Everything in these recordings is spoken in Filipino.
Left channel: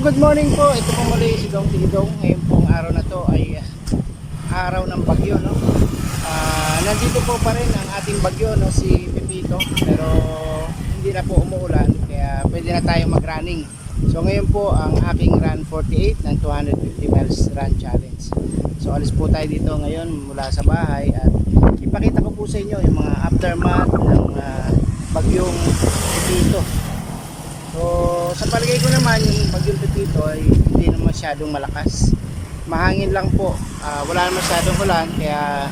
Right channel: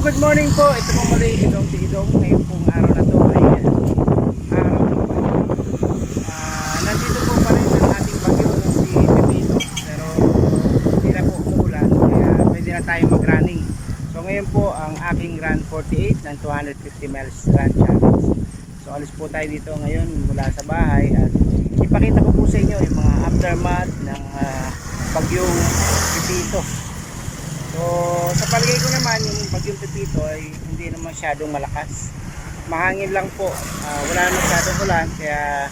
good morning po. Ito po muli si Dong Tigidong. Ngayon pong araw na to ay araw ng bagyo, no? Nandito po pa rin ang ating bagyo, no, si Pepito. Pero hindi na po umuulan, kaya pwede na tayong mag-running. So ngayon po ang aking run 48 ng 250 miles run challenge. So alis po tayo dito ngayon mula sa bahay at ipakita ko po sa inyo yung mga aftermath ng bagyong Pepito. So sa palagay ko naman yung bagyong Pepito ay hindi naman masyadong malakas, mahangin lang po, wala naman masyadong ulan, kaya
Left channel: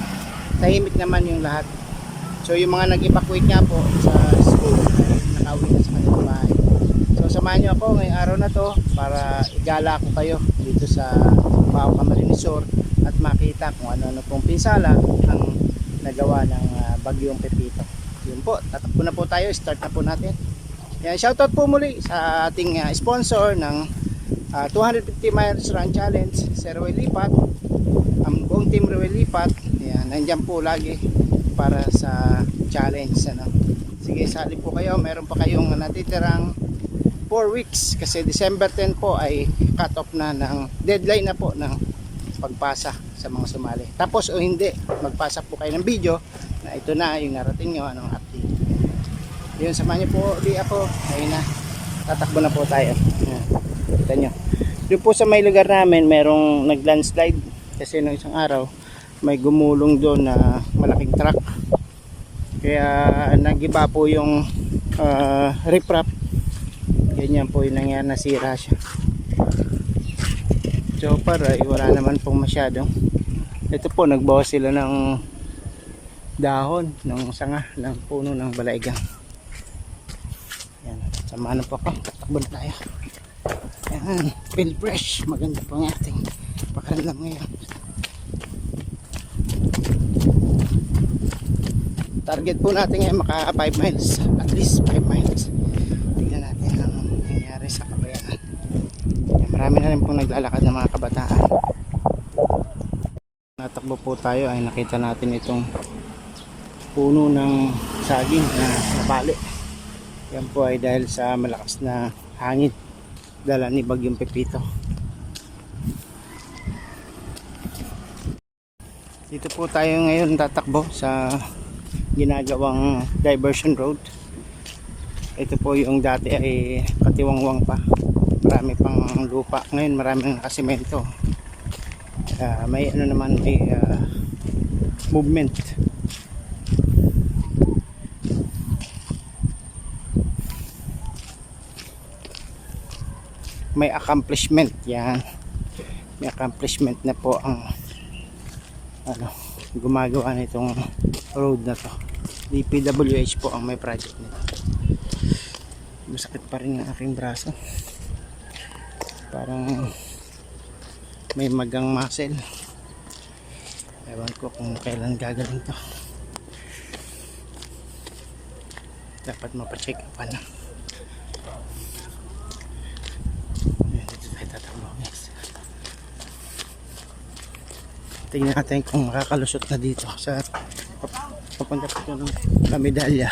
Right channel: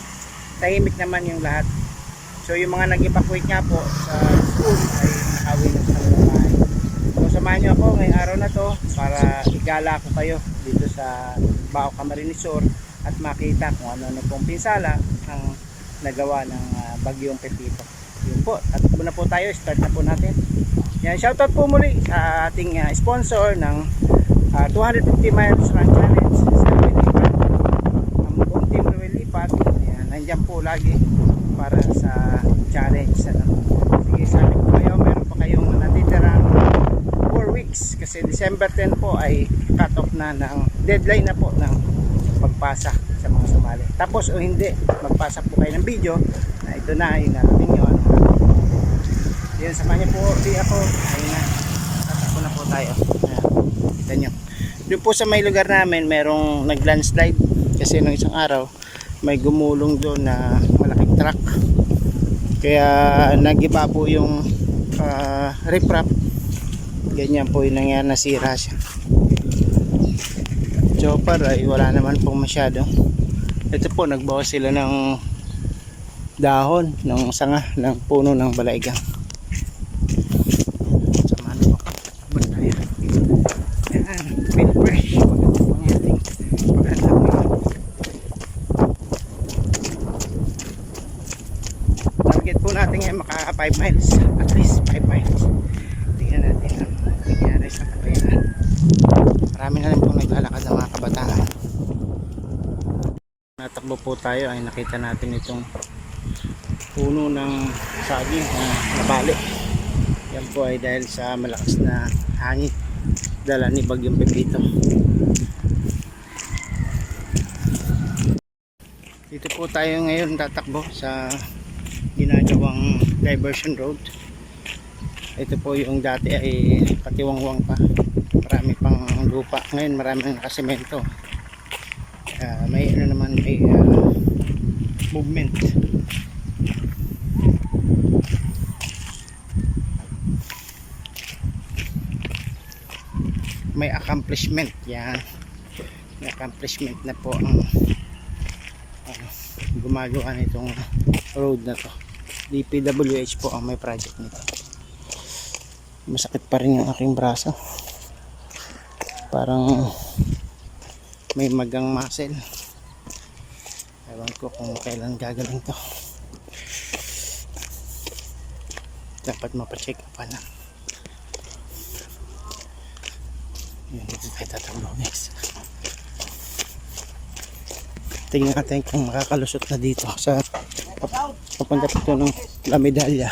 tahimik naman yung lahat. So yung mga nag-evacuate nga po sa school ay nakauwi na sa kanilang bahay. So samahan nyo ako ngayong araw na to para igala ko kayo dito sa Bao Camarines Sur at makita kung ano-ano pong pinsala ang nagawa ng bagyong Pepito. Yun po, tatakbo na po tayo, start na po natin. Yan, shoutout po muli sa ating sponsor ng 250 miles run challenge, Sir Roy Lipat, ang buong team Roy Lipat. Yan, nandyan po lagi para sa challenge, ano. Sige, sali po kayo, meron pa kayong natitirang 4 weeks kasi December 10 po ay cut off na ng deadline na po ng pagpasa sa mga sumali. Tapos o hindi, magpasa po kayo ng video na ito na yung narating nyo, ano. Yun, samahan niyo po di ako. Ayun na, tatakbo na po tayo. Kita nyo, doon po sa may lugar namin merong nag-landslide kasi nung isang araw may gumulong doon na malaking truck, kaya nagiba po yung riprap. Ganyan po yung nangyari, nasira siya. Chopper ay wala naman pong masyado. Ito po, nagbawas sila ng dahon ng sanga ng puno ng balaigang. Samahan po ako, tatakbo na tayo. Ayan, feel fresh. Maganda po ang ating paghandang nila. Target po natin ay maka 5 miles, at least 5 miles. Tingnan natin ang nangyari sa Kabayaan. Marami na rin pong naglalakad ng mga kabataan. Natakbo po tayo ay nakita natin itong puno ng saging na nabali. Yan po ay dahil sa malakas na hangin dala ni bagyong Pepito. Dito po tayo ngayon tatakbo sa ginagawang diversion road. Ito po yung dati ay katiwangwang pa, marami pang lupa. Ngayon marami ng nakasemento. May ano naman, may movement. May accomplishment. Yan, may accomplishment na po ang gumagawa nitong road na to. DPWH po ang may project nito. Masakit pa rin yung aking braso, parang may magang muscle. Ewan ko kung kailan gagaling to. Dapat mapacheck up na. Dito tayo tatakbo, guys. Tingnan natin kung makakalusot na dito sa papunta po ito ng La Medalla.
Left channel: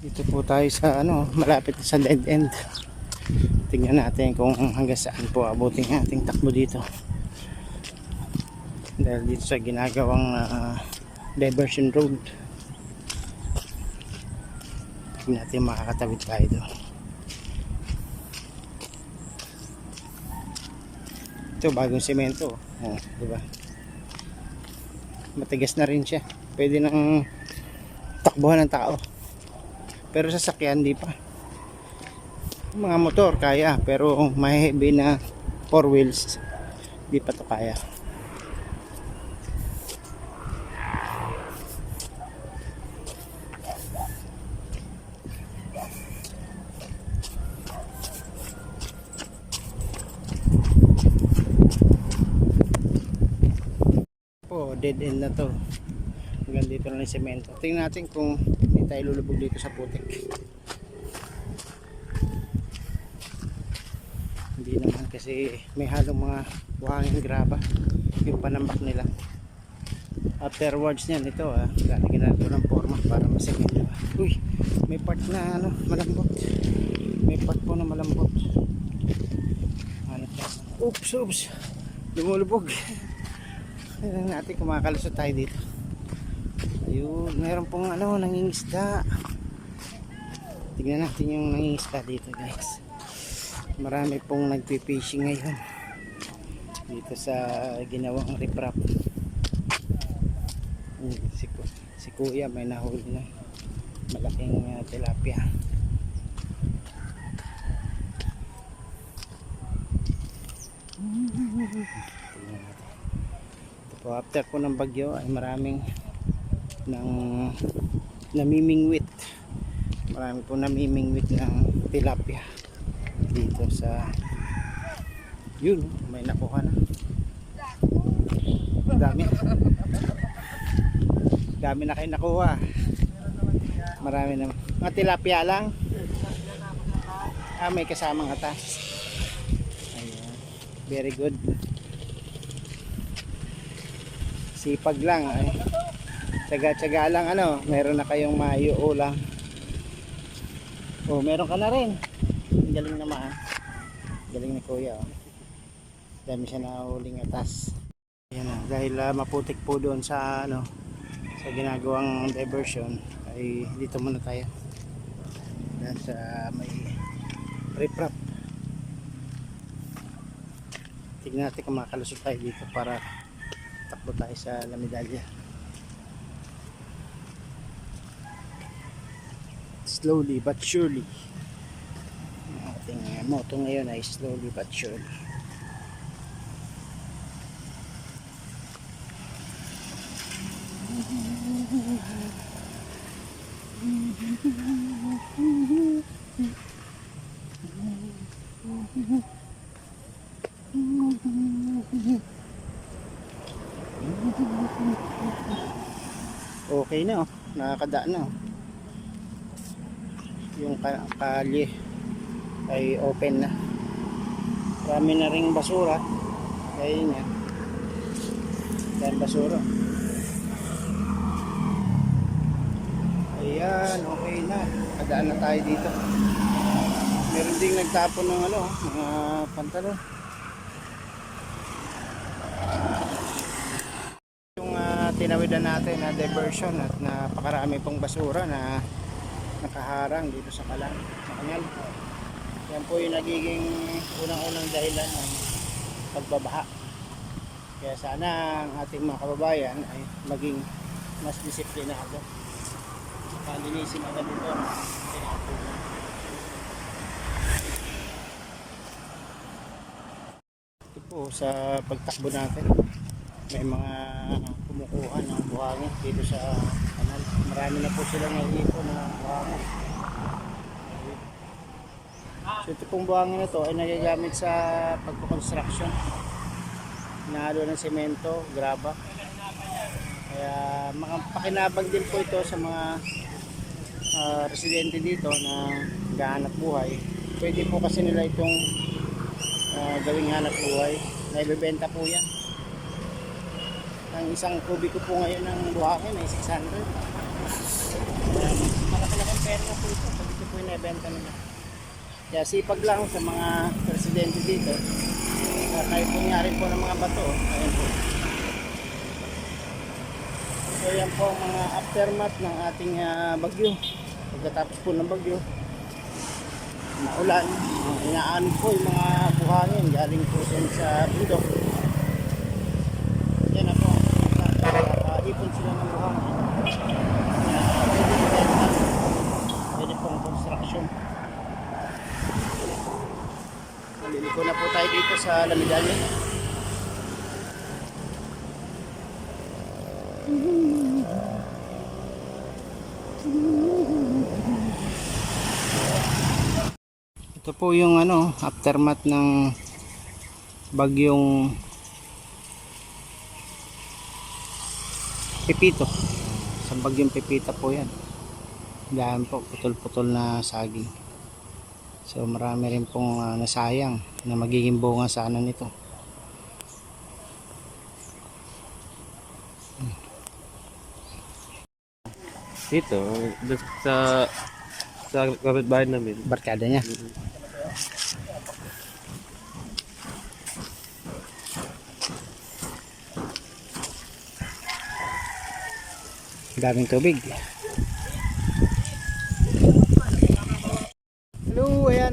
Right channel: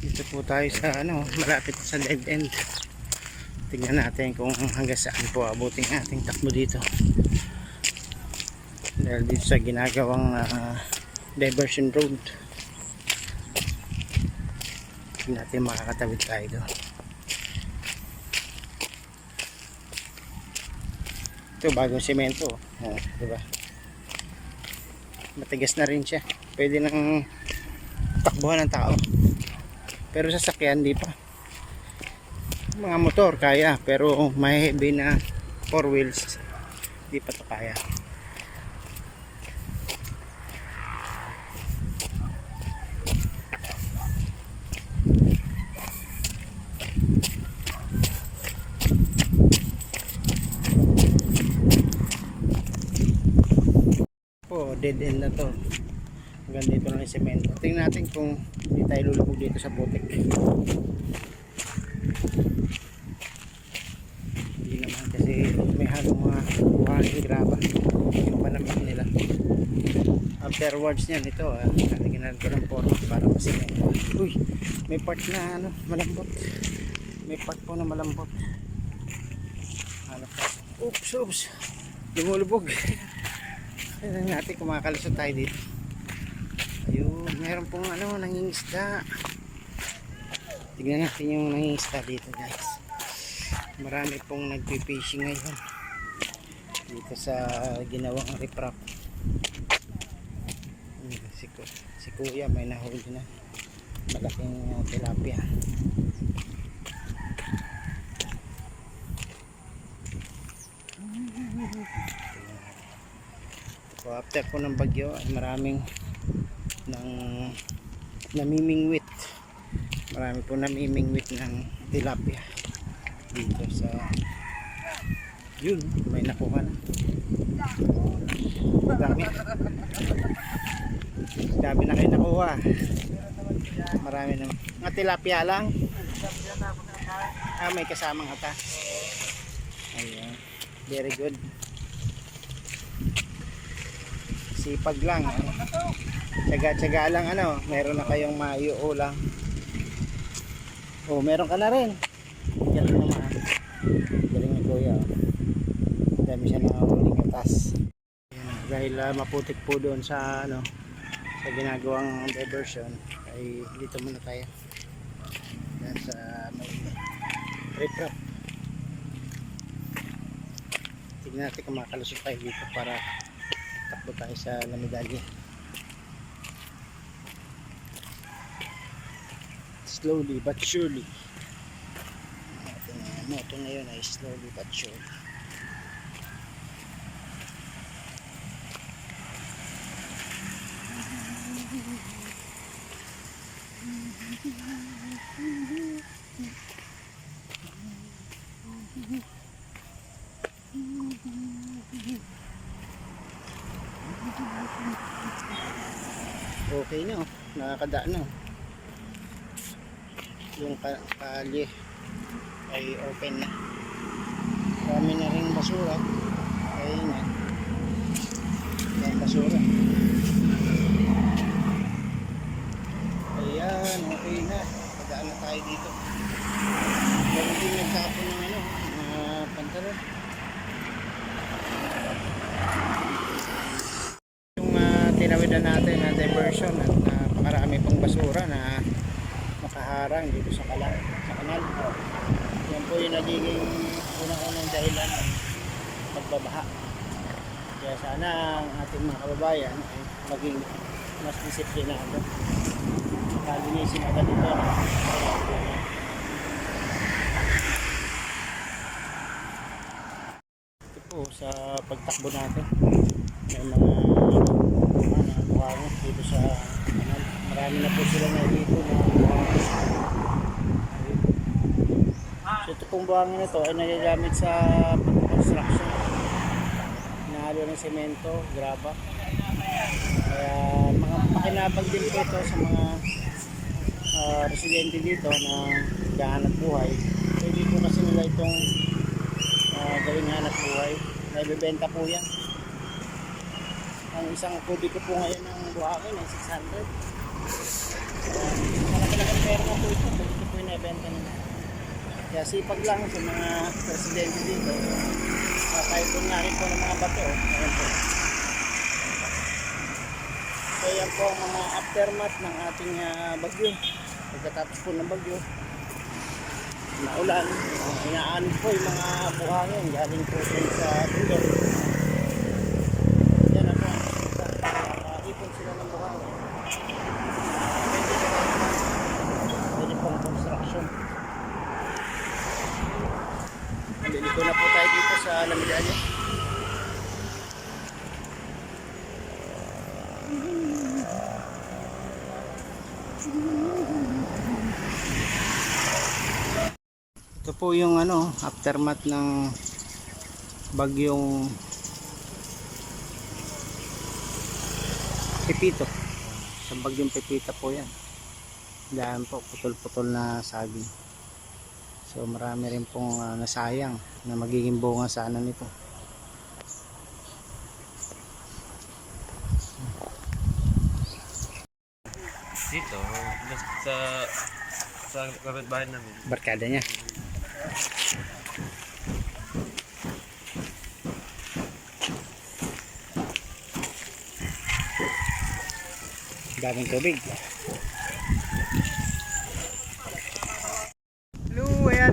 Dito po tayo sa malapit sa dead end. Tingnan natin kung hanggang saan po abutin ating takbo dito. Dahil dito sa ginagawang diversion road, tingnan natin makakatawid tayo doon. Ito bagong semento, diba? Matigas na rin siya, pwede nang takbuhan ng tao. Pero sasakyan di pa. Mga motor kaya, pero may heavy na 4 wheels Di pa to kaya. Po, dead end na to. Hanggang dito na yung semento. Tingnan natin kung hindi tayo lulubog dito sa putik. Hindi naman kasi may halong mga buhangin graba yung panambak nila. Afterwards niyan ito lalagyan ko ng forma para masemento. Uy, may part na ano, malambot. May part po na malambot. Ano pa? Oops. Lumulubog. Tingnan natin kumakalusot tayo dito. Ayun, meron pong ano, nangingisda. Tignan natin yung nangingisda dito, guys. Marami pong nagpi-fishing ngayon dito sa ginawang riprap. Si kuya may nahuli na malaking tilapia. So, after po ng bagyo ay maraming namimingwit. Marami po namimingwit ng tilapia dito sa yun, may nakuha na. Dami na kayo nakuha. Marami na. Mga tilapia lang. May kasamang ata. Ayun. Very good. Sipag lang. Tsaga-tsaga lang ano. Meron na kayong maiuulam. Oh, meron ka na rin. Galing naman. Galing ni kuya. Dami siya na huling atas. Yan, dahil maputik po doon sa ano, sa ginagawang diversion ay dito muna tayo. Yan sa may riprap. Tignan natin kung makalusot tayo dito para takbo tayo sa La Medalla. Slowly but surely. Ating moto ngayon ay slowly but surely. Okay na, nakakadaan na. Yung kalye ay open na. Marami na ring basura. Ayun yan. Yan basura. Ayan, okay na. Kadaan na tayo dito. Meron ding nagtapon ng ano, mga pantalon. Yung tinawidan natin na diversion at napakarami pong basura na nakaharang dito sa kanal. Yan po yung nagiging unang-unang dahilan ng pagbabaha. Kaya sana ang ating mga kababayan ay maging mas disiplinado. Saka linisin agad ito. Ito po sa pagtakbo natin. May mga kuha ng buhangin dito sa kanal. Marami na po sila naiipon na buhangin. So ito pong buhangin na ito ay nagagamit sa pagpakonstruction. Hinahalo ng semento, graba. Kaya mga pakinabang din po ito sa mga residente dito na gahanap buhay. Pwede po kasi nila itong gawing hanap buhay. Naibebenta po yan. Ang isang kubiko po ngayon ng buhangin ay 600. Malaki-laking pera na po ito pag ito po yung naibenta nila. Kaya sipag lang sa mga residente dito. Tayo po nga rin po ng mga bato. Ayan po. So yan po ang mga aftermath ng ating bagyo. Pagkatapos po ng bagyo, maulan, inaan po yung mga buhangin galing po din sa bundok. Yan na po, nakaipon sila ng buhangin. Pwede pong construction. Liliko na po tayo dito sa La Medalla. Ito po yung ano, aftermath ng bagyong Pepito. Sa bagyong Pepita po yan. Dahil po putol-putol na saging. So marami rin pong nasayang na magiging bunga sana nito. Dito, just sa kapitbahay namin. Barkada niya. Daming tubig. Hello, ayan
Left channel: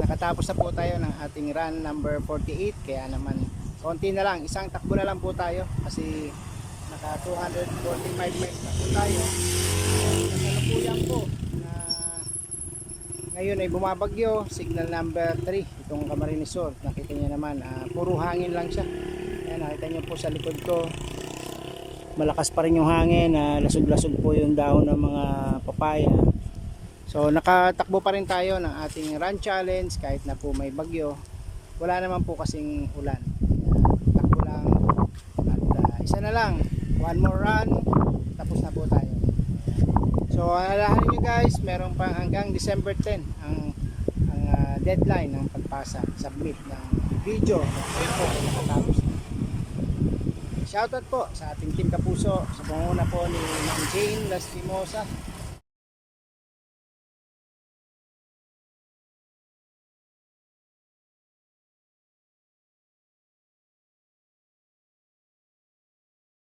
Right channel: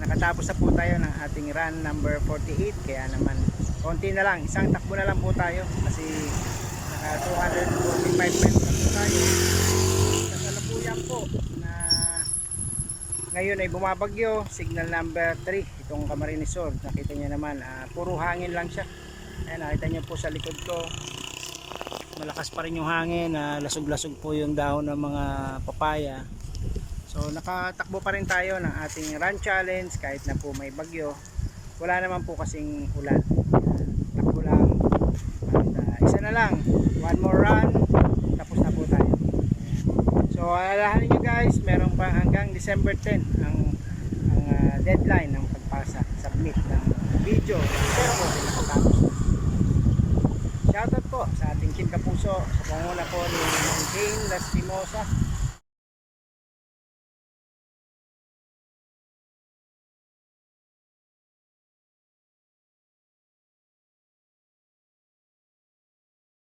nakatapos na po tayo ng ating run number 48. Kaya naman, konti na lang, isang takbo na lang po tayo kasi naka 245 miles na po tayo. Kasalukuyan po na ngayon ay bumabagyo, signal number 3, itong Camarines Sur. Nakita niyo naman, puro hangin lang siya. Ayan, nakita niyo po sa likod ko, malakas pa rin yung hangin, lasog-lasog po yung dahon ng mga papaya. So nakatakbo pa rin tayo ng ating run challenge kahit na po may bagyo. Wala naman po kasing ulan. Takbo lang. At isa na lang, one more run, tapos na po tayo. So alalahanin nyo guys, meron pa hanggang December 10 ang deadline ng pagpasa, submit ng video na kayo po ay nakatapos na. Shoutout po sa ating Team Kapuso sa pangunguna po ni Ma'am Jane Lastimosa